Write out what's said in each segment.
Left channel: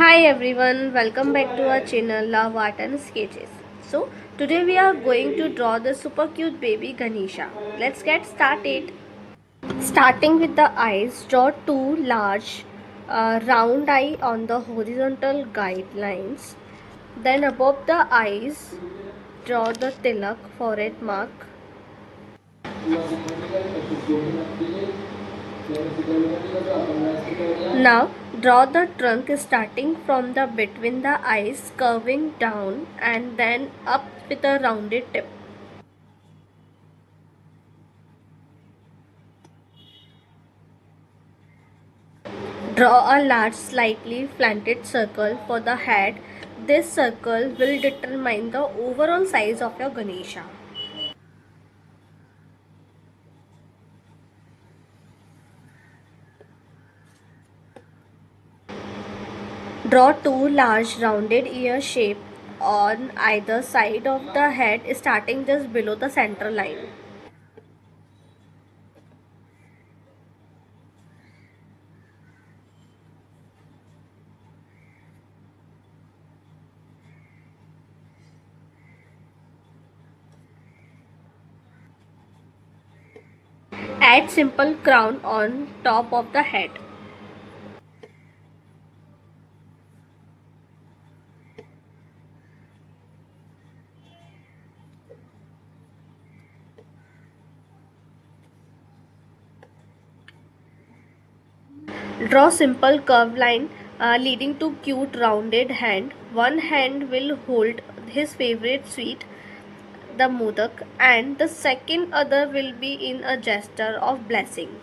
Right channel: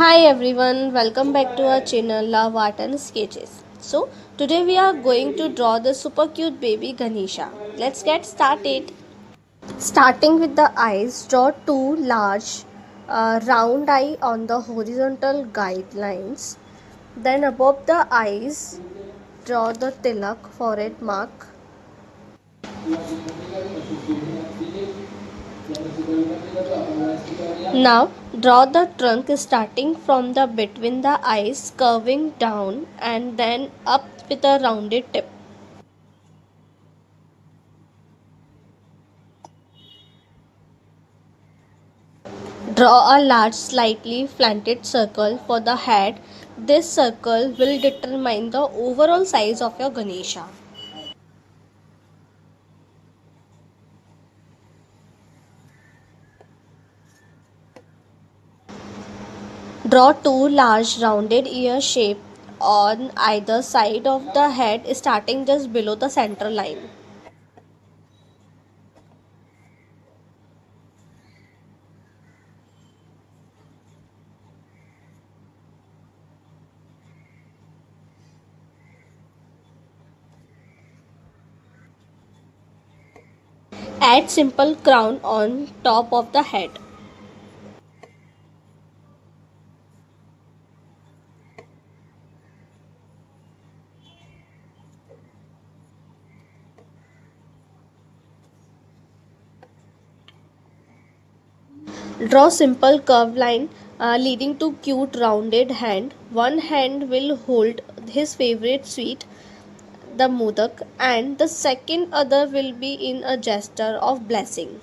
Hi everyone, welcome back to our channel Love Art and Sketches. So today we are going to draw the super cute baby Ganesha. Let's get started. Starting with the eyes, draw two large round eye on the horizontal guidelines. Then above the eyes, draw the tilak forehead mark. Now draw the trunk starting from the between the eyes, curving down and then up with a rounded tip. Draw a large slightly slanted circle for the head. This circle will determine the overall size of your Ganesha. Draw two large rounded ear shape on either side of the head starting just below the center line. Add simple crown on top of the head. Draw simple curved line leading to cute rounded hand. One hand will hold his favorite sweet, the modak, and the second other will be in a gesture of blessing.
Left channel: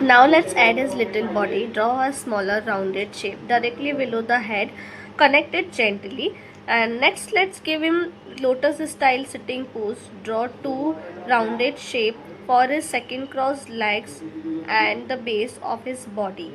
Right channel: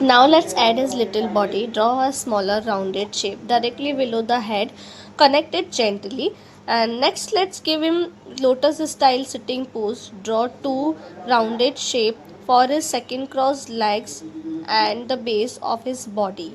Now let's add his little body. Draw a smaller rounded shape directly below the head. Connect it gently. And next let's give him lotus style sitting pose. Draw two rounded shape for his second crossed legs and the base of his body.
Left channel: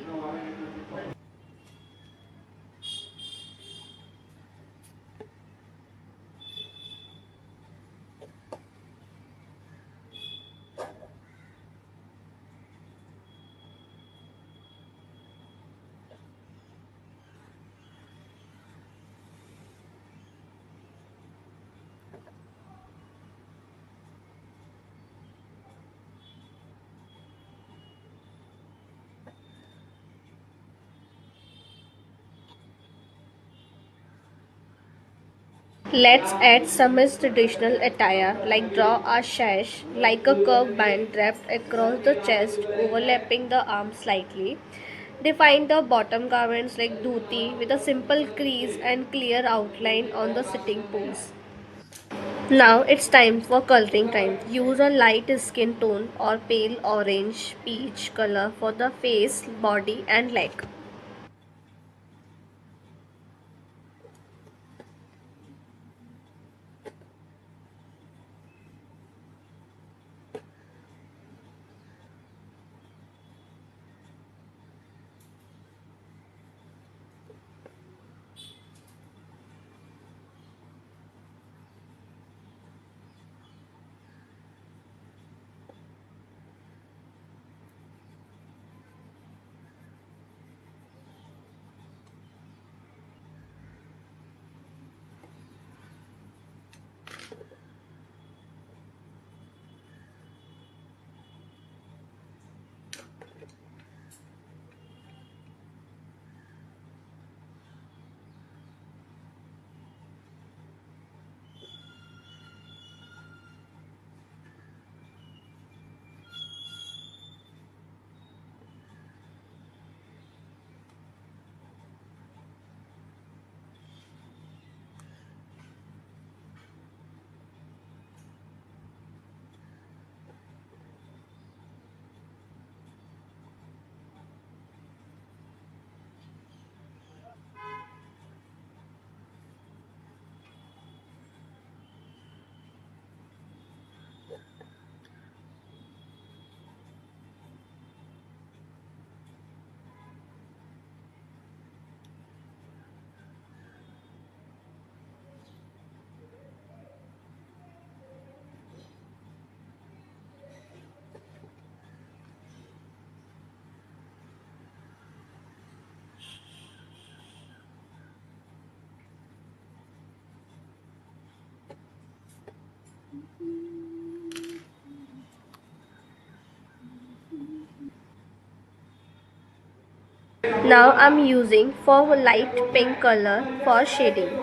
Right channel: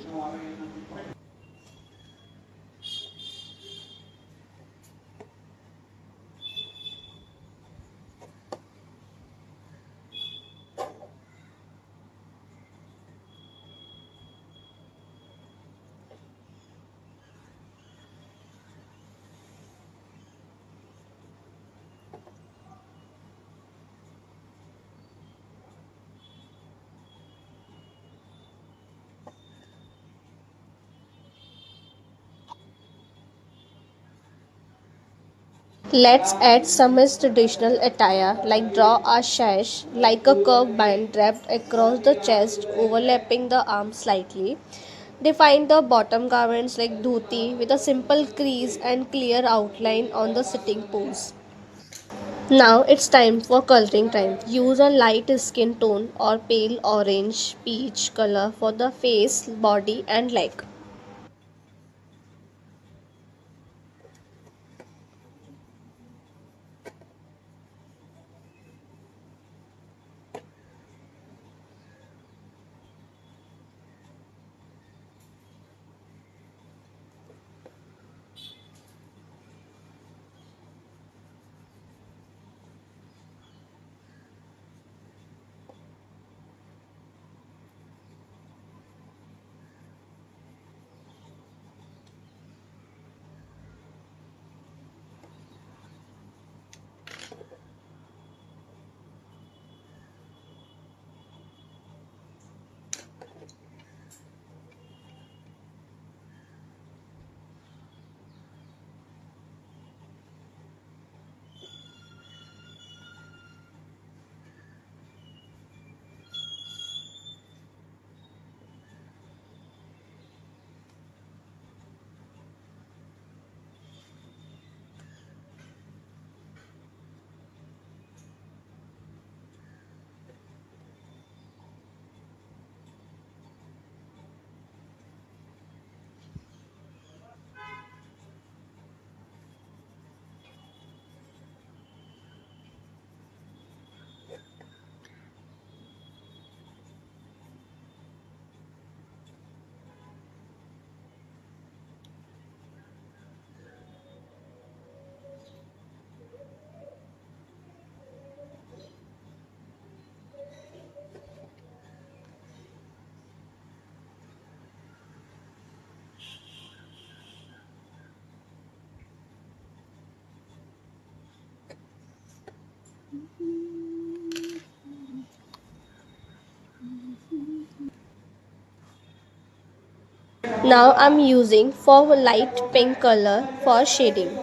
Let's add some his traditional attire, like draw a sash like a curved band wrapped across the chest, overlapping the arms slightly. Define the bottom garments like dhoti with a simple crease and clear outline on the sitting pose. Now it's time for coloring time. Use a light skin tone or pale orange peach color for the face, body and leg. Now I'm using for light pink color for shading.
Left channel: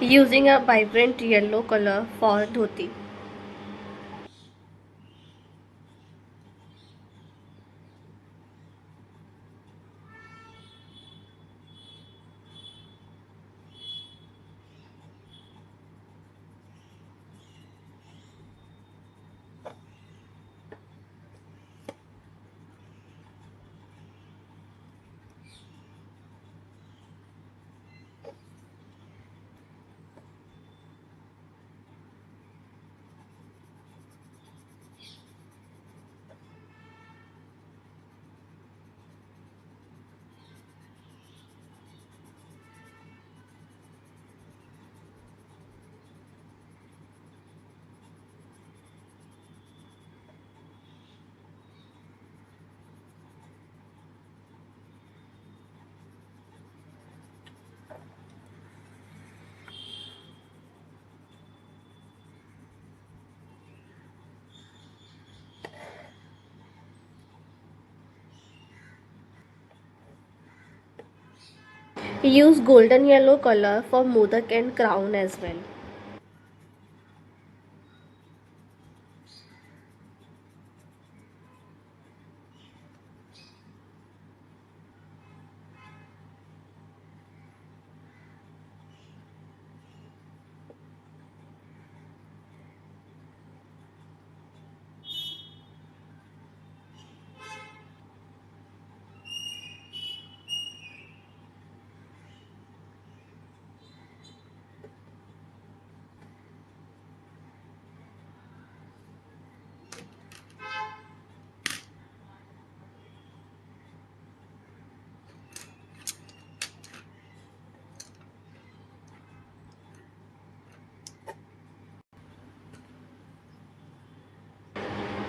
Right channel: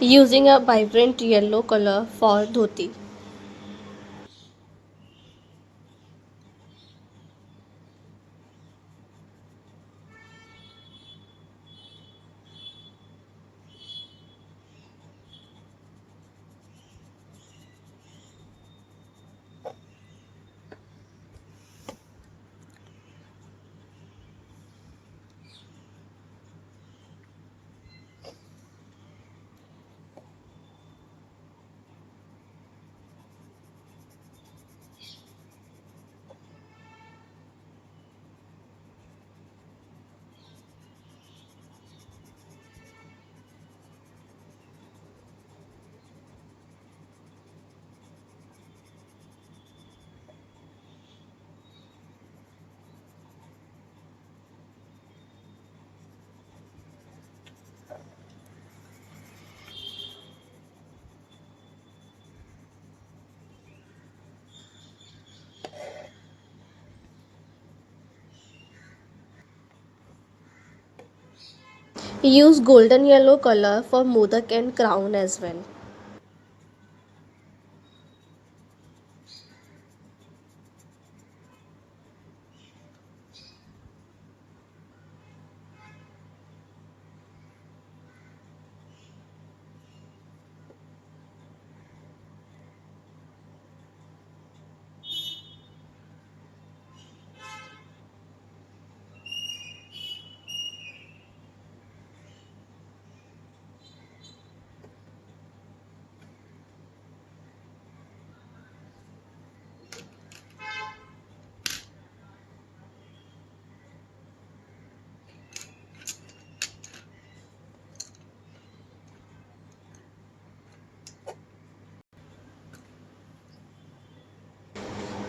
Using a vibrant yellow color for dhoti. Use golden yellow color for modak and crown as well.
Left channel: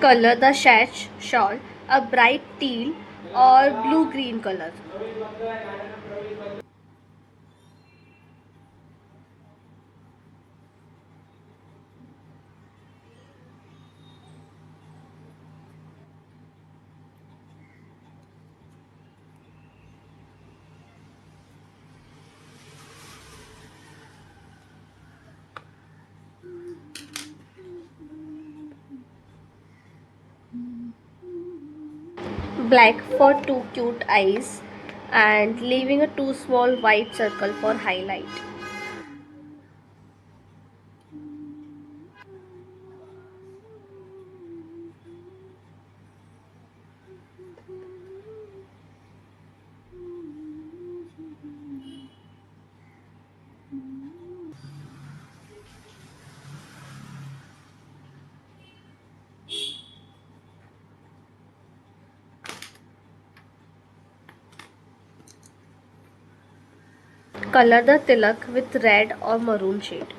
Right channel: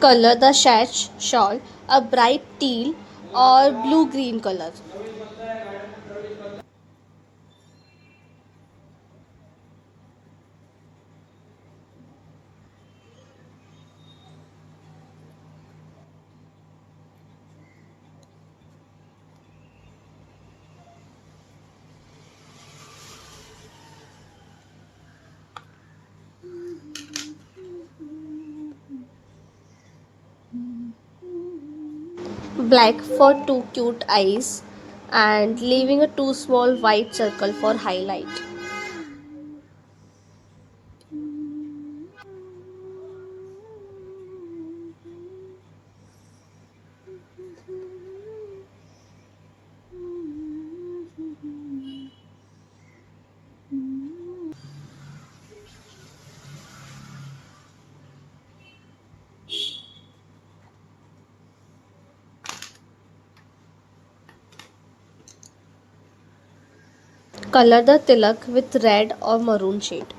Color the sash shawl a bright teal or blue green color. Black for two cute eyes and leaving a two small white circle for highlight. Color the tilak with red or maroon shade.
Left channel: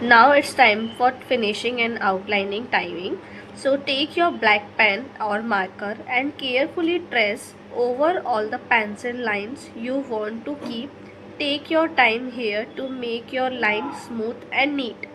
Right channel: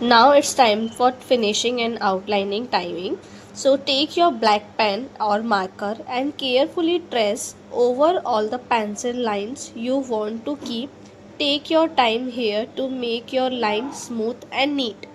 Now it's time for finishing and outlining timing. So take your black pen or marker and carefully trace over all the pencil lines you want to keep. Take your time here to make your line smooth and neat.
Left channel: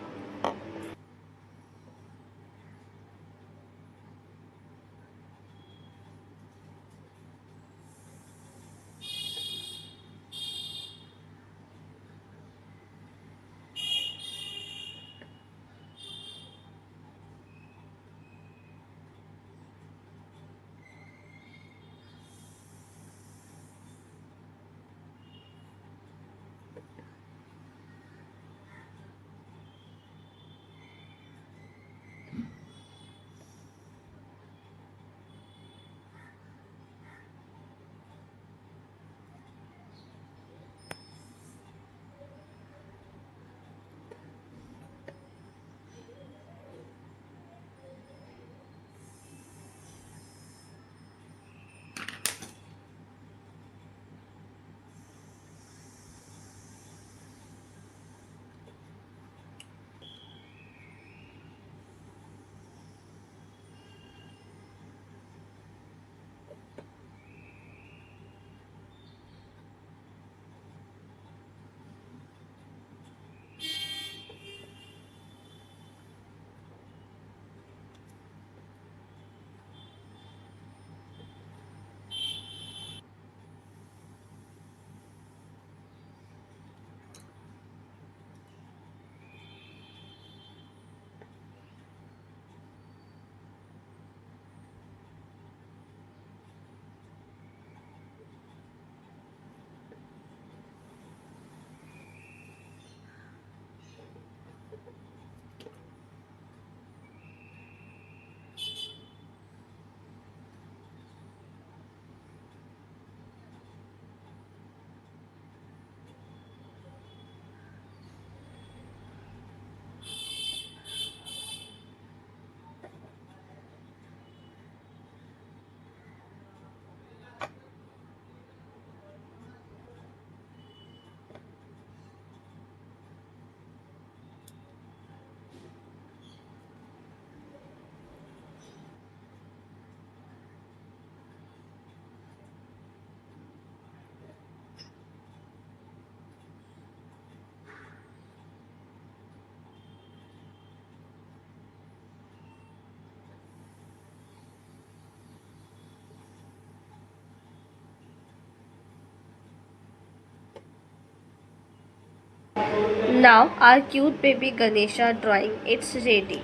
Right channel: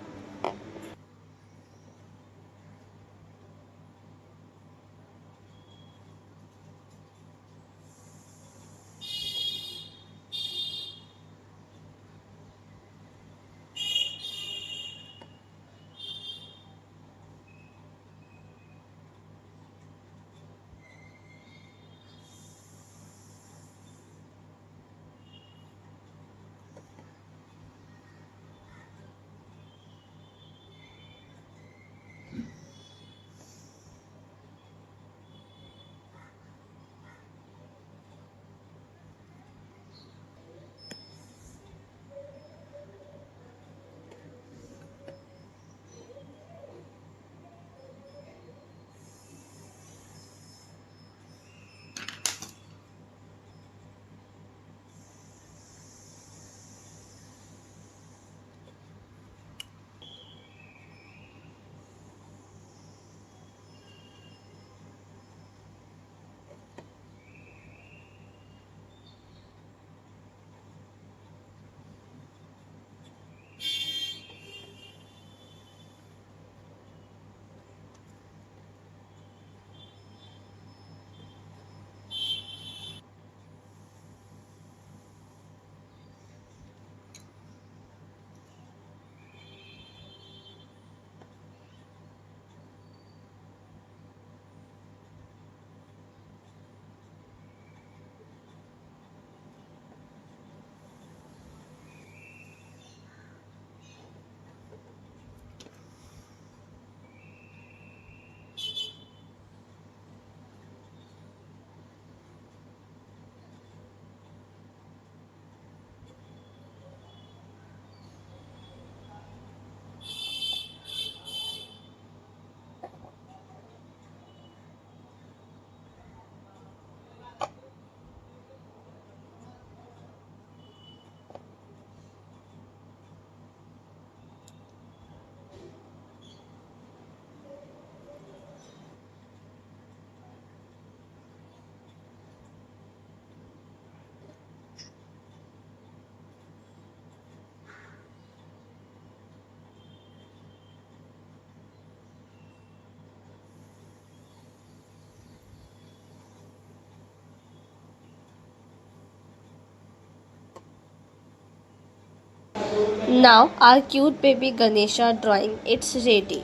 Now our cute baby Ganesha drawing it's ready.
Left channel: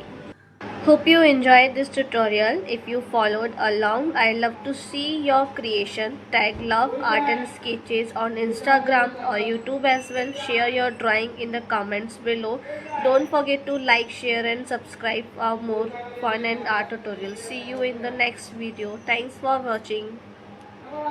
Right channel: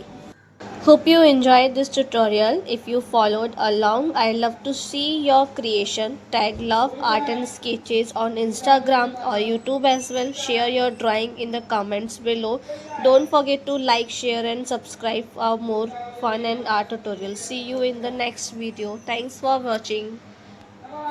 Hope you enjoyed this tutorial. If you followed along, I love to see your creation. Tag Love Art and Sketches on Instagram or YouTube as well. Share your drawing in the comments below. Don't forget to like, share and subscribe for more fun and art tutorials. See you in the next video. Thanks for watching.